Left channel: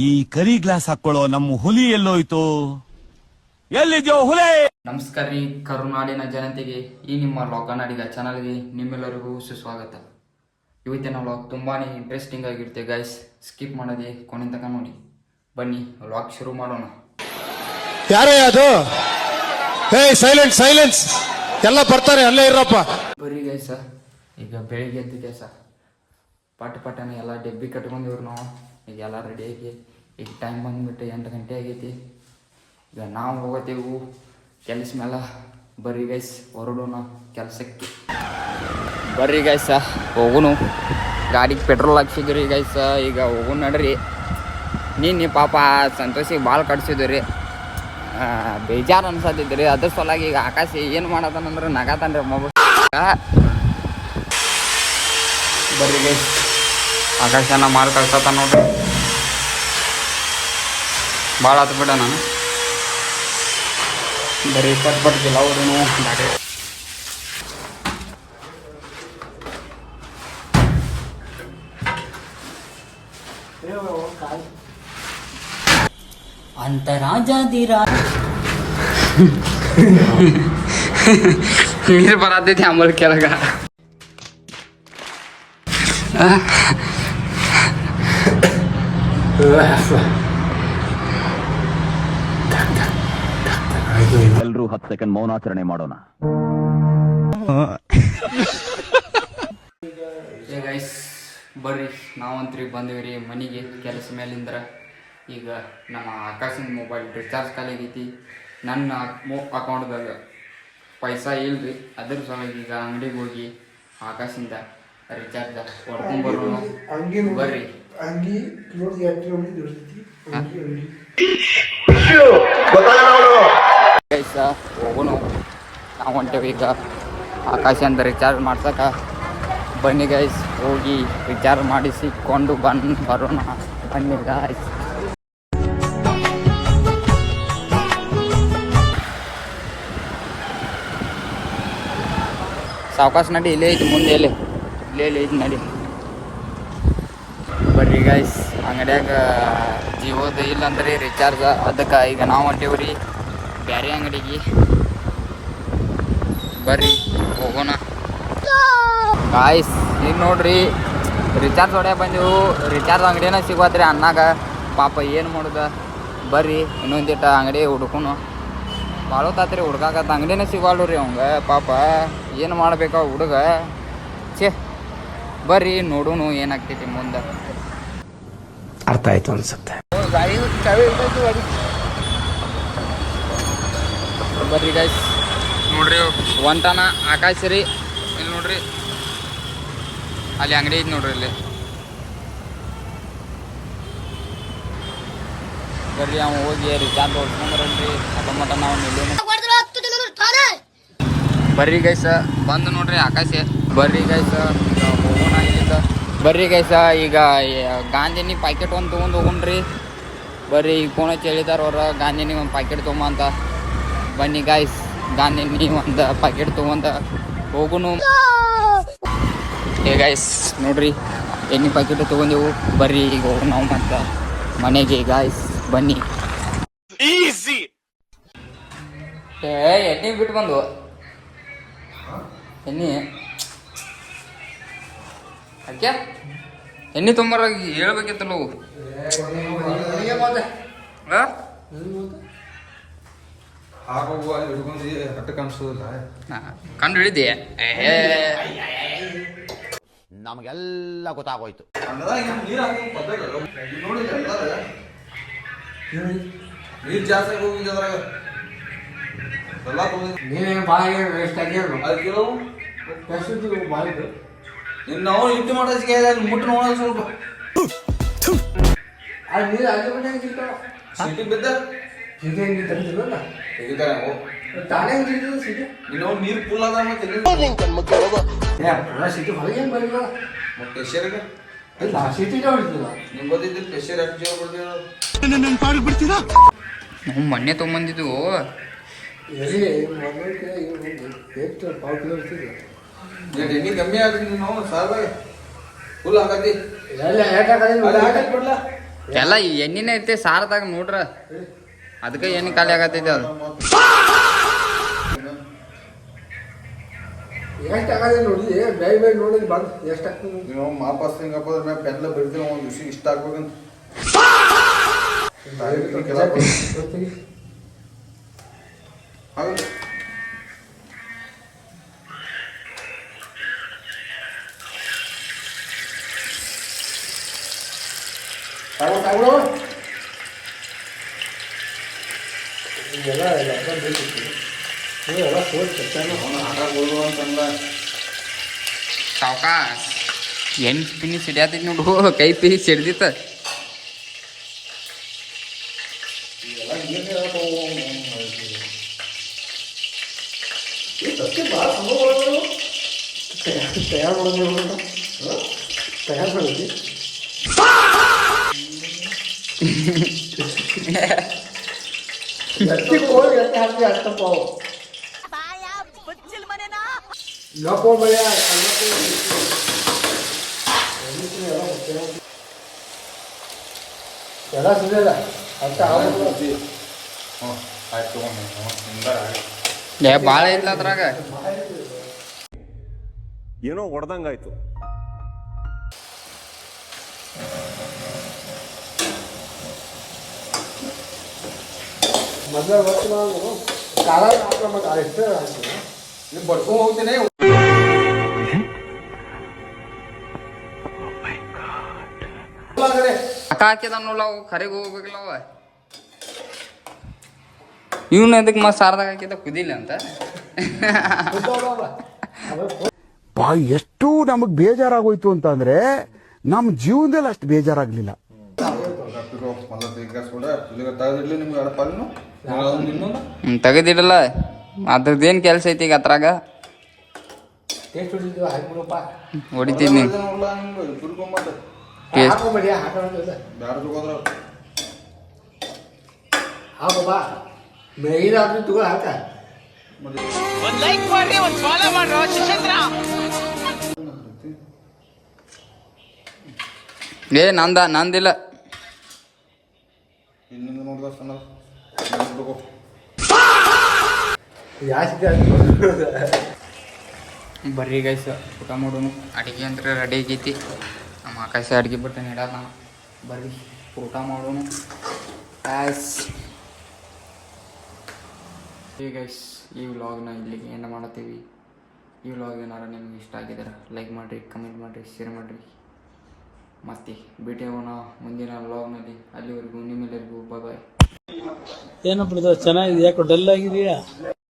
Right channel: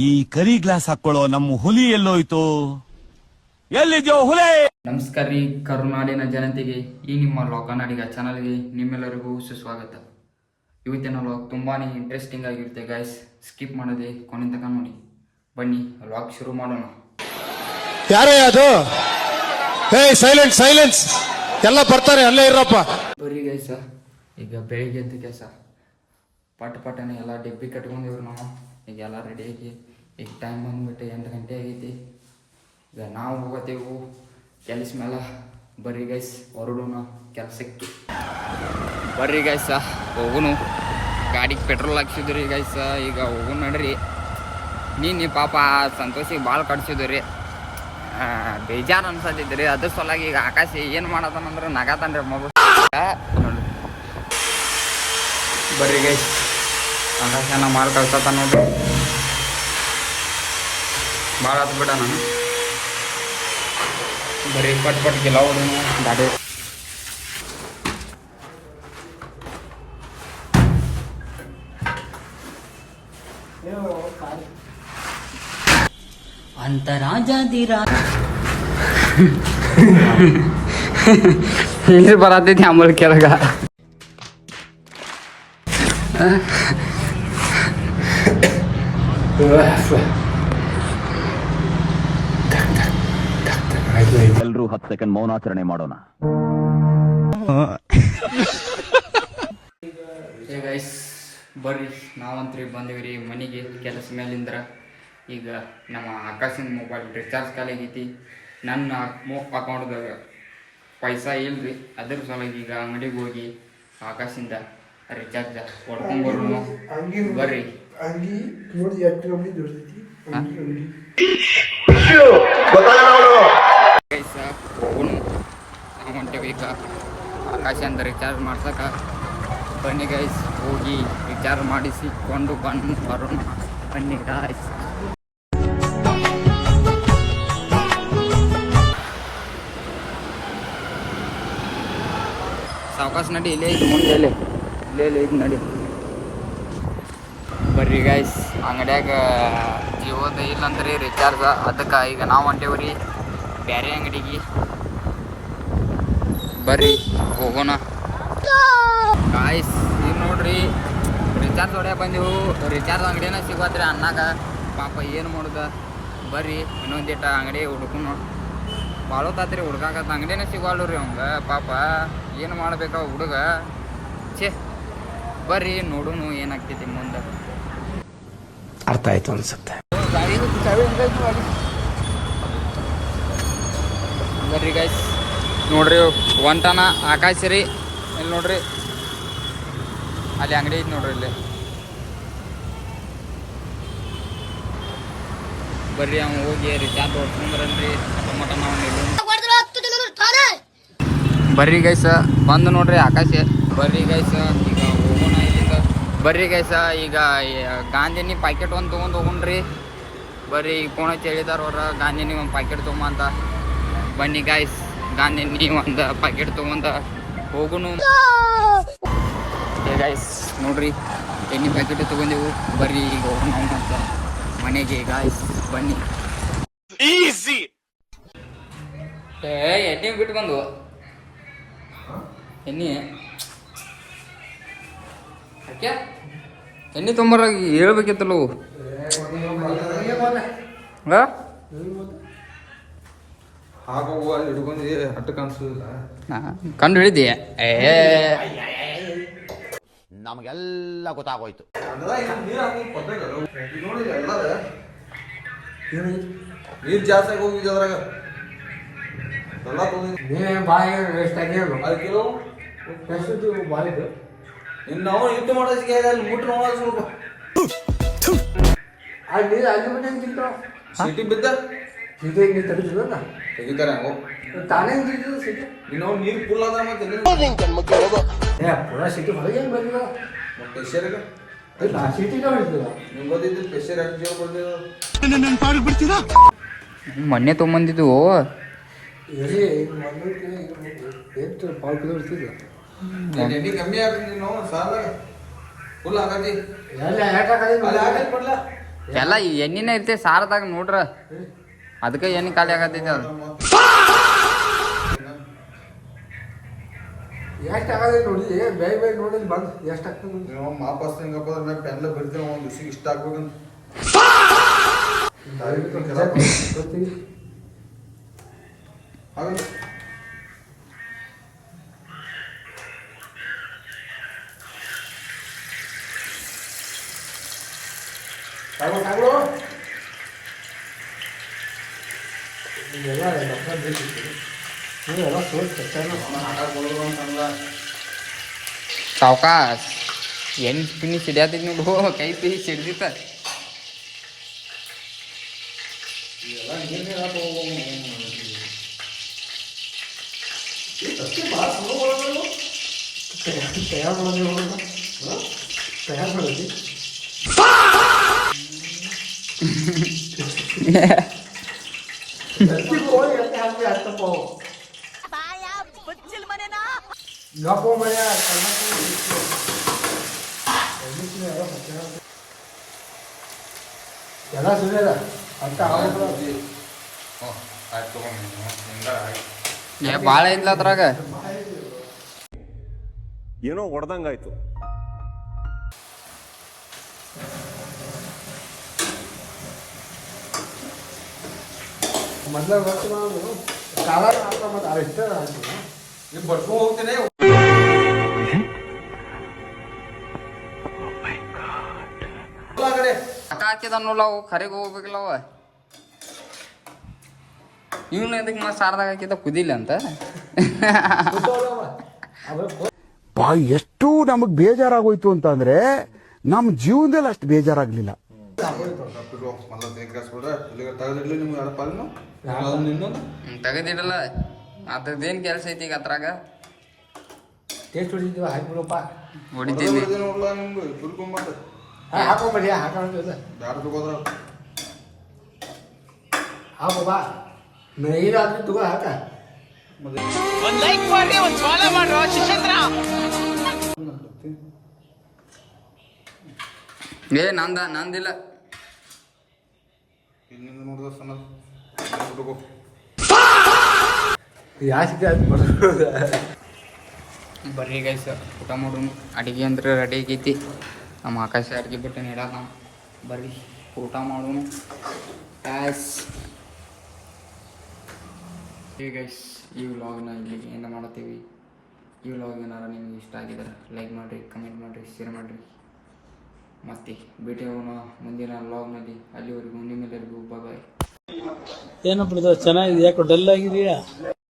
ಈ ಕರಿ ಗ್ಲಾಸ್ ಹಾಕೊಳ್ಳೋ ನಮ್ಮ ಹುಲಿ ಎಲ್ಲೋಯ್ತು? ಎಲ್ಲಿದ್ಯೋ ಹುಲಿ? ನಮಸ್ಕಾರ ರೀ ಕರುನಾಡಿನ ಜನತೆಗೆ, ಈ ನಿಮ್ಮ ಕನ್ನಡಿಗ ಚಾನಲ್ಗೆ ನಿಮ್ಮೆಲ್ಲರಿಗೂ ಸುಸ್ವಾಗತ. ಇವತ್ತಿನ ವ್ಲಾಗ್ ತುಂಬಾ ಇಂಟ್ರೆಸ್ಟಿಂಗ್ ಆಗಿರುತ್ತೆ ಗೈಸ್. ಸ್ಕಿಪ್ ಮಾಡದೆ ಕೊನೆ ತನಕ ನೋಡಿ. ಬನ್ನಿ ವ್ಲಾಗ್ ಶುರು ಮಾಡೋಣ. ಯಾರೇ ಅದು? ಹೇ ಸೈಲೆನ್ಸ್ ಸೈಲೆನ್ಸ್, ಎಲ್ಲ ಬರ್ತಾರೆ, ಅಲ್ಲೇ ಇರಪ್ಪ. ಬರ್ರಿ ಗೈಸ್, ಈಗ ಬೆಳಿಗ್ಗೆ ಎದ್ದು ಗೈಸ ಪಟನೆ ಎಲ್ಲ ಡೆಬ್ಬಿ ಕಟ್ಕೊಂಡಿವ್ರು ನಾವು. ಈಗ ಎಲ್ಲ ರೆಡಿ ಆಗಿ ಈಗ ಟೈಮ್ ಬಂದ್ಬಿಟ್ಟು 8 ಗಂಟೆ ಆಗೈತಿ. ಈಗ ನಾವು ಹೋಗೋತೇವು ಕೆಲಸ ಮೇಲೆ. ಬರ್ರಿ ಗೈಸ್ ಹೊರಡೋಣ ಕೆಲಸಕ್ಕೆ. ಬರ್ರಿ ಗೈಸ ಹೋಗುನು. ಗಾಡಿಗೆ ಪೆಟ್ರೋಲ್ ಹಾಕ್ಸಿದ್ರಿ ಗೈಸ, ಈಗ ಹೋಗುನು ನಡ್ರಿ. ನೀನು ಪಾಪ ಸಂತೋಷಿಗೆ ಭಾಳ ಕಟ್ಸಿದ್ರಿ, ಬೇಜಾರು ಅನ್ಸತ್ತಿದ್ರಿ. ಅದ್ರ ಸಲುವಾಗಿ ಈಗ ಆಕಾಶ ಏನು ಮಾಡತಾನಂದ್ರೆ ನಗಾತಾನ್ರಿ ಮಗು. ಬರ್ರಿ ಗೈಸ್, ಆಕಾಶನ ಮಾಲ್ ಕಳ್ಸತ್ತ ನೋಡ್ರಿ. ಭಾಳ ಹತ್ತು ಬಿಡ ನಾನು. ಬರೀ ಪಟ್ ಗಿಲ್ಲ ಹೊಡೋನು ದಾಡಿ. ನೀರು ಬರತೈತಿ ಆಮೇಲೆ ಕೆಳಗ. ಎಲ್ರೂ 10 ಸೆಕೆಂಡ್ ಮೌನಾಚರಣೆ ಮಾಡೋಣ. ಏ ಗೈಸ್ ಬರ್ರಿ, ನಾವಂತ್ರಿ ಬಂದೇವ್ರಿ ಮನೆಗೆ ಕೆಲಸ ಮೇಲಿಂದ್ರ. ಈಗ ನಮ್ಮ ಆಕಾಶಿನ ಮೊಬೈಲ್ ರಿಚಾರ್ಜ್ ಖಾಲಿಯಾಗೈತಿ. ನನ್ನ ಅಕೌಂಟ್ದಾಗ ಪೈಸಾ ಇಲ್ರಿ. ಅದ್ರ ಸಲುವಾಗಿ ಈಗ ಅಂಗಡಿಗೆ ಹೋಗಿ ಆಕಾಶಿಂದ ರಿಚಾರ್ಜ್ ಹೊಡ್ಕೊಂಡ್ಬರೋನು. ಬರ್ರಿ. ಗೈಸ ಹೋಗೋಣ, ನಾವು ಹೊಂಟೇವಿ ಈಗ ಆಕಾಶಿಂದ ರಿಚಾರ್ಜ್ ಮಾಡ್ಸಕ. ಬನ್ನಿ ಗೈಸ್, ಹೋಗಿ ರಿಚಾರ್ಜ್ ಮಾಡಿಸಿಕೊಂಡು ಬರೋಣ. ಬನ್ನಿ ಗೈಸ್. ಸಾವಕಾಶ ನಡಿ, ಇಲ್ಲೇ ಐತಿ ಮುಂದೆ, ಇಲ್ಲೇ ಐತಿ ನಡಿ. ಬರ್ರಿ ಗೈಸ್, ಅಂಗಡ್ಯಾಗ ಜಿಯೋದ ಇಲ್ಲಂತ್ರಿ ರಿಚಾರ್ಜ್. ಅದಕ್ಕೆ ಈಗ ನಾವು ಹೊಂಟೇವ್ರಿ ಬೇರೆ ಅಂಗಡಿಗೆ. ಬರ್ರಿ ಹೋಗೋಣ ಗಾಯ್ಸ್. ಈಗ ನೋಡ್ರಿ ರಿಚಾರ್ಜ್ ಹೊಡ್ಯಾಕ ಬಂದೆವು. ರಿಚಾರ್ಜ್ ಅಂಗಡಿನ ಸಿಗೋತ್ರಿ ಅಣ್ಣಾಗ. ಪಾಪ ಏನು ಮಾಡೋದ? ಬರ್ರಿ ಇನ್ನೊಂದಿಟ್ಟ ಅಂಗಡಿ ಹುಡ್ಕೊನು. ಭಾಳ ಹೊತ್ತಾತ್ರಿ ಹುಡ್ಕಾಕತ್ತ, ಅಂಗಡಿನ ಸಿಗೋಲ್ರಿ ಅವಂಗ. ಪಾಪ ಏನು ಮಾಡ್ಬೇಕ ಹುಡುಗ? ಛೇ, ಬರ್ರಿ ನೋಡೋನು ಏನಾಗ್ತೈತಿ ಮುಂದೆ. ಅರ್ಥ ಆಯ್ತು ಅನ್ಸುತ್ತೆ. ಬರ್ರಿ ಗೈಸ್, ನೋಡ್ರಿ ಹೊಂಟಾನ ಆಕಾಶ ರೀ. ಇಲ್ಲಿ ನೋಡ್ರಿ, ಅಲ್ಲಿ ಅಂಗಡಿ ಐತಿ ನೋಡ್ರಿ ಇಲ್ಲಿ. ಬರ್ರಿ ಅವ ಹೋಗಿ ರಿಚಾರ್ಜ್ ಹೊಡ್ಕೊಂಬರಲ್ರಿ. ಮಟ ನಾವು ಬರ್ರಿ ಗೈಸ, ಬಂದು ನೋಡ್ರಿ ಆಕಾಶ. ಬರ್ರಿ ಗೈಸ, ಈಗ ಹೋಗೋಣ ಇಲ್ಲಿಂದ. ಬರ್ರಿ ಗೈಸ, ಈಗ ಗಾಂಧಿನಿ ಪ್ಯಾಕೆಟ್ ಒಂದು ತೊಗೊಂಡು ಹೋಗೋಣ್ರಿ. ಬರ್ರಿ ಈಗ ಫೋನ್ ಹಚ್ಚಿ ಹೇಳಿದಾರ ಅವ್ರ, ಗಾಂಧಿನಿ ಒಂದು ಪ್ಯಾಕೆಟ್ ತೊಗೊಂಬಂತ. ಬನ್ನಿ ಗಾಯ್ಸ್, ಗಾಂಧಿನಿ ಒಂದು ಪ್ಯಾಕೆಟ್ ತೊಗೊಂಡ ಹೋಗುನು. ಹೇ ಗಾಯ್ಸ್ ನೋಡ್ರಿ, ಎಣ್ಣೆ ಪ್ಯಾಕೆಟ್ ತೊಗೊಂಡೆವು. ಬರ್ರಿ ಈಗ ಹೋಗೋಣ ನಾವು ಮತ್ತೆ ಮನೆಗೆ ಗಾಯ್ಸ್. ಬನ್ನಿ. ಎಣ್ಣೆ ಬಿಟ್ಟು ಬಂದು ಎಣ್ಣೆ ಯಾಕೆ ಎಣ್ಣೆ ತೊಂಬರ ಹೇಳ್ಬೇಕಿತ್ತಲ್ಲ. ಕಂಡು ಹಿಡಿದಿ ನಮಗೆಲ್ಲ ಗೊತ್ತಾಗೋಯ್ತು. ನೀರು ಜಾಸ್ತಿ ಹೋಗಿದ್ದೆ ಅದ್ರಾಗ ಎಲ್ಲ ಇನ್ನು ನಾವು ಇಟ್ಟು ಮಾಡೋದಕ್ಕೆ ಮುಟ್ಟು ನೋಡೋದು ಸ್ವಲ್ಪ ಸಿಟಿ ಬಿದ್ದ ತೆಗಿತಾರೆ. ಇನ್ನು ನೀರು ಫುಲ್ ಅದ ಪ್ರೆಷರ್ಗೆ ಮೊನ್ನೆ ತೊಗೊಂಬಂದಿದ್ದು. ಎಣ್ಣೆ ಕಮ್ಮಿ ಆಗ್ತದೆ ನಾವು ಸಾಲ ಫುಲ್ ಆಗತಿ ಎಲ್ಲ ಅಲ್ಲಿ ಹಾಕಿ ಬಿಡ್ಲ ಎಲ್ಲ ಎಣ್ಣಿನ ಐತೆ ಸಾರದಾಗ ನೋಡ್ರ ಅದಕ್ಕೆ ಎಣ್ಣೆ ಖಾಲಿ ಆಗತೈತೆ ಅದು ಎಷ್ಟು ಆಗದೆ ನೋಡಿ ಬೇಗ ಬೇಗ ನೋಡಿದ್ರೆ ಬಂದು ಎಷ್ಟು ಆಗ್ತದೆ ನೀವು ವಾಪಸ್ ಹಿಂಗಪ್ಪ ಅದ್ರ ಮ್ಯಾಗ ಪೆನ್ಲ ಬರಿತೇವೆ ಒಂದು ದಿವ್ಸಿಗೆ ಇಷ್ಟ ಆಗ್ಬೇಕಂತ ಹೌದು ಇದೆಲ್ಲ ನೀವೆಲ್ಲ ಸೋಚ್ ಸಾವ್ಕಾಸ್ ಎಣ್ಣೆ ಪಿನಿ ಸಿಡಿಯಾತೈತಿ ನೋಡು ಕೈ ಪಿನಿ ಸಿಡ್ದಿತ್ತ ತಯಾರು ಮಾಡೋದು ತಯಾರು ಮಾಡೋದು ಕೋಳಿ ಎತ್ತೆ ಹಾಕಿ ಅಷ್ಟಪ್ಪ ನಕೋ ಮಳೆಯ ಎಲ್ಲ ಸುರಿಯಲ್ಲ ಅಂತ ಭಾಳ ಐತ್ಲ ಅದ್ರಾಗ ಏನೋ ಹೊಡೆದಂಗಾಯ್ತು. ಮೊದಲ ಕಾಲ ಹಾಕ ಎಷ್ಟು ನೀವು ಬರ್ಕೊಂಡು ಹೋಗ್ತೀನಿ ಅಕ್ಕ ಹಾಕಿದ ನೋಡ್ಲ ಅವು ಕರೆಗೆ ಹೋಗ್ಬೇಕಿಲ್ಲ ಅವ ಇವನು ಅದಕ್ಕೆ ಮತ್ತೆ ಸಾರದಾಗ ಹಾಕಿದ ಕುದಿಲ್ಲ ಅಂತ ಬಾ ಎಷ್ಟು ನಮಗ್ ಬೇಜಾರಾಗೋಯ್ತು ಅಂತಂದ್ರೆ ನಮ್ ಜೀವನದಲ್ಲಿ ಅಷ್ಟು ಬೇಜಾರಾಗ್ಲಿಲ್ಲ. ತೆಗದಿಡಲ್ಲ ಅದ್ರದ್ದೇನು ಕೆಲಸ ಐತಿ ಈಗ ಅದ್ರಾಗ ಟೇಸ್ಟ್ ಹೊಡಿತೀವ ಹಾಕ್ಬಿಡಪ್ಪ ಹೊಡಿತೀನಿ ಹಾಕೋಬೇಡಿ ಹಾಕೋಲ್ಲ ಹಾಕೋ ಬಾ ಏನಾದ್ರೂ ತಗೋ ಹಾಕ ಏ ನಂದಿಲ್ಲ ಇಲ್ಲಿಂದ ನೋಡಿದ ಸಣ್ಣ ಬರ್ರಿ ಗೈಸ್ ಊಟ ಮಾಡೋನು ಅಡಿಗೆ ಅಂದ್ರೆ ರೆಡಿ ಆಗೈತಿ ನಮ್ಮ ಆಕಾಶ ಅಡಿಗೆ ಬಿಟ್ಟು ನೆಡಲ್ಲ ಬರ್ರಿ ಊಟ ಮಾಡೋನು ಗೈಸ್ ಗೈಸ್ ಈ ವ್ಲಾಗ್ನ ಇಲ್ಲಿಗೆ ಏನು ಮಾಡ್ತೀವಿ ಈ ವ್ಲಾಗ್ ಏನಾರು ನಿಮ್ಗೆ ಇಷ್ಟ ಆಗಿದ್ದಾರೆ ಲೈಕ್ ಮಾಡಿರಿ ಕಮೆಂಟ್ ಮಾಡಿರಿ ಶೇರ್ ಮಾಡಿರಿ ಮತ್ತೆ ಭೇಟಿ ಆಗೋಣ ಮುಂದಿನ ವ್ಲಾಗ್ನಲ್ಲಿ ಅಲ್ಲಿವರೆಗೂ ನಿಮ್ಮೆಲ್ಲರಿಗೂ ಬಾಯ್ ಏನಪ್ಪ ಚೆನ್ನಾಗಿದೆ ಯಾಕೋ ಡಲ್ ಆಗಿದೆಯಾ